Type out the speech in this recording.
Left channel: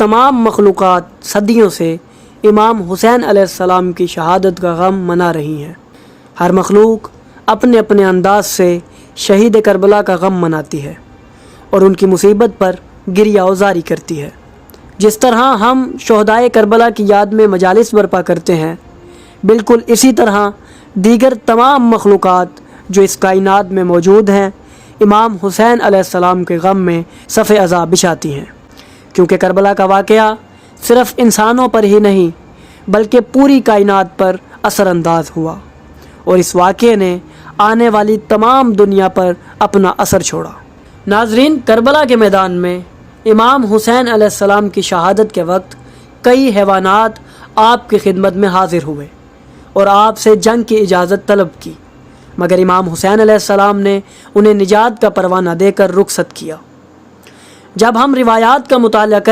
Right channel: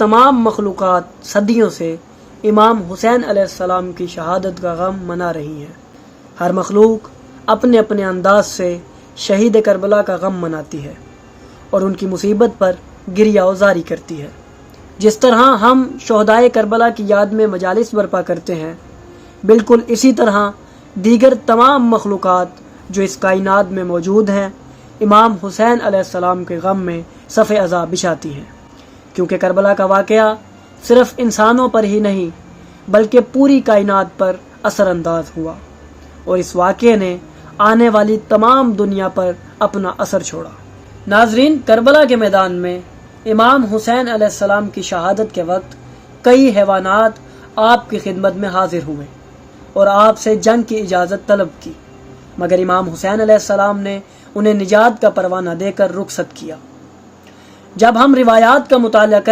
तमाम मखलूक़ात सदियों से इमाम हुसैन अलैहिस्सलाम की शहादत का गम मना रही हैं। हर मखलूक अपने अपने अंदाज से शहीद करबला का गम मनाती है और उनकी मुसीबत पर गिरिया उजारी करती है। जिस तरह हम शोहदाए करबला की याद में मजालिस बर्पा करते हैं, बिल्कुल इसी तरह दीगर तमाम मखलूक़ात जो इस कायनात में मौजूद हैं इमाम हुसैन अलैहिस्सलाम के गम में सफ़े अज़ा बिछाती हैं, क्योंकि करबला का वाक़या सिर्फ़ इंसानों पर ही नहीं बल्कि पूरी कायनात पर असरअंदाज हुआ और इस वाक़े ने आने वाली तमाम दुनिया पर अपना असर छोड़ा। नाज़रीन, करबला के मैदान में इमाम हुसैन अलैहिस्सलाम की शहादत के वक्त कई हैवानात आपकी खिदमत में हाजिर हुए और आपसे जंग की इजाज़त तलब की, मगर इमाम हुसैन अलैहिस्सलाम ने उन्हें निजात का परवाना देकर रुखसत किया। जब हम रिवायात का मुताला करें